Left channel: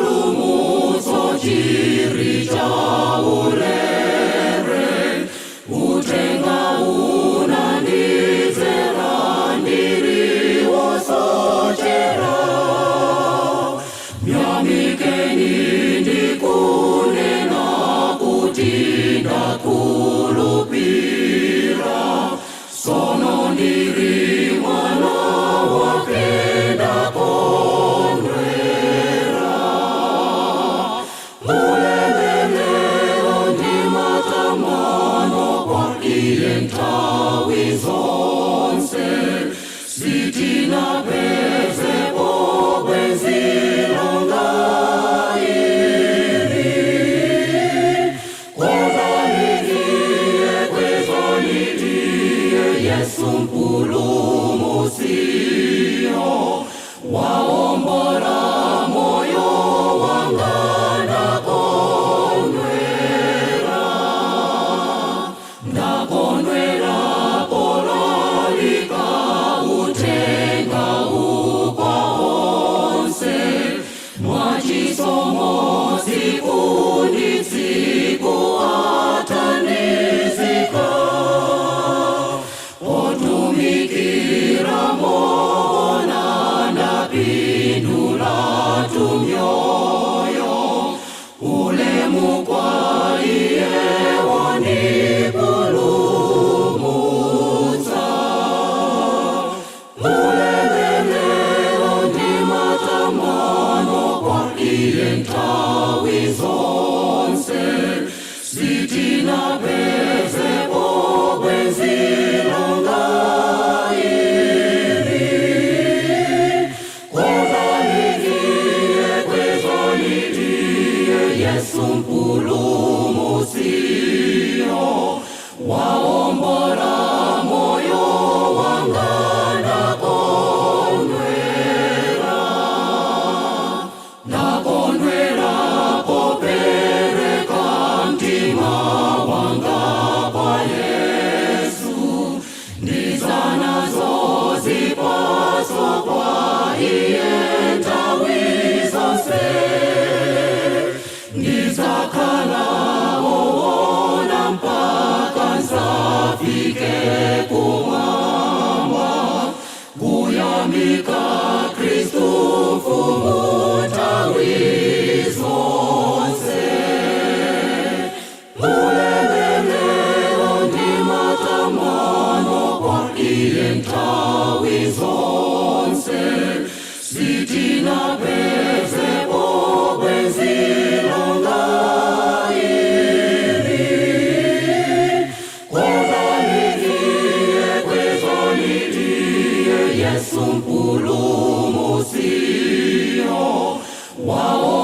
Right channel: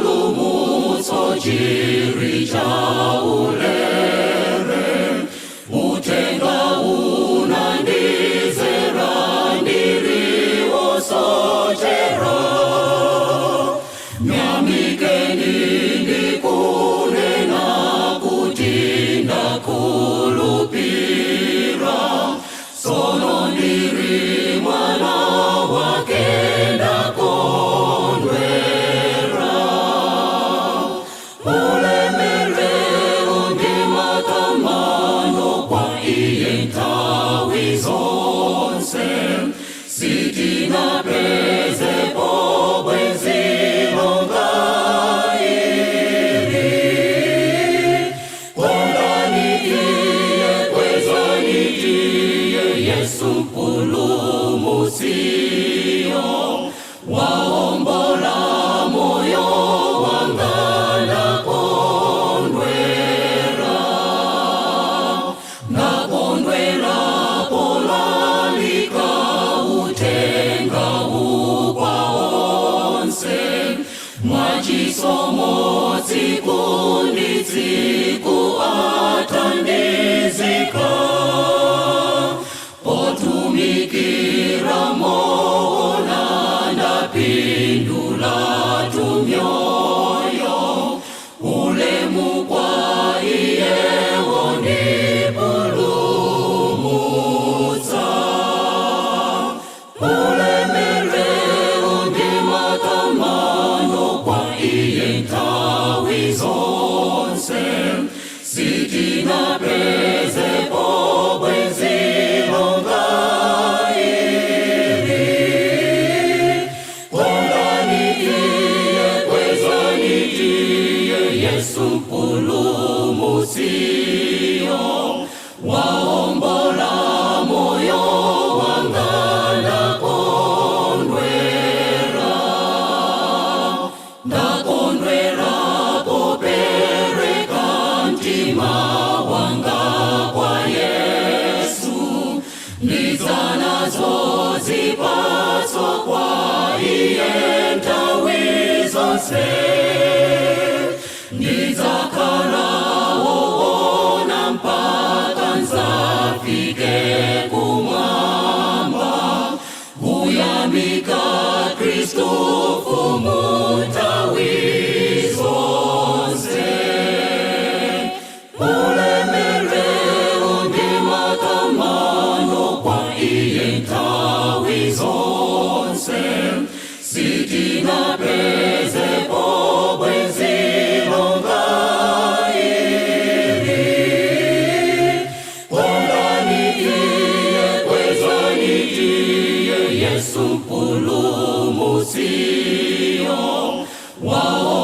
chipulumutso chiri chaulere, utenga unandizera ndiriwo sochera. Nyamikeni ndikunena kuti ndakulupira, sono ndiri mwana wake ndakondwera. Ulemerero ndi matamando kwa iye nthawi zonse, sitinapezepo bwenzi longa ili. Konganikiye kwezanikiye Yesu mpulumusiyo, waombola moyo wanga ndakondwera. Ndakondwera polalika utenga ukwa onse, mwachisomo tsiku ndi tsiku atandizika. Potumikira moona ndapindula tumyoyo, ulemu kwa iye wondipulumutsa. Ulemerero ndi matamando kwa iye nthawi zonse, sitinapezepo bwenzi longa ili. Konganikiye kwezanikiye Yesu mpulumusiyo, waombola moyo wanga ndakondwera. Ndakondwera popereka mtima wanga kwa Yesu, ndizanazo zipatso kwa iye nthawi zonse. Ndizakhala woona mpaka nzafike kumwamba, kuyamika Kristu mfumu nthawi zonse. Ulemerero ndi matamando kwa iye nthawi zonse, sitinapezepo bwenzi longa ili. Konganikiye kwezanikiye Yesu mpulumusiyo, wao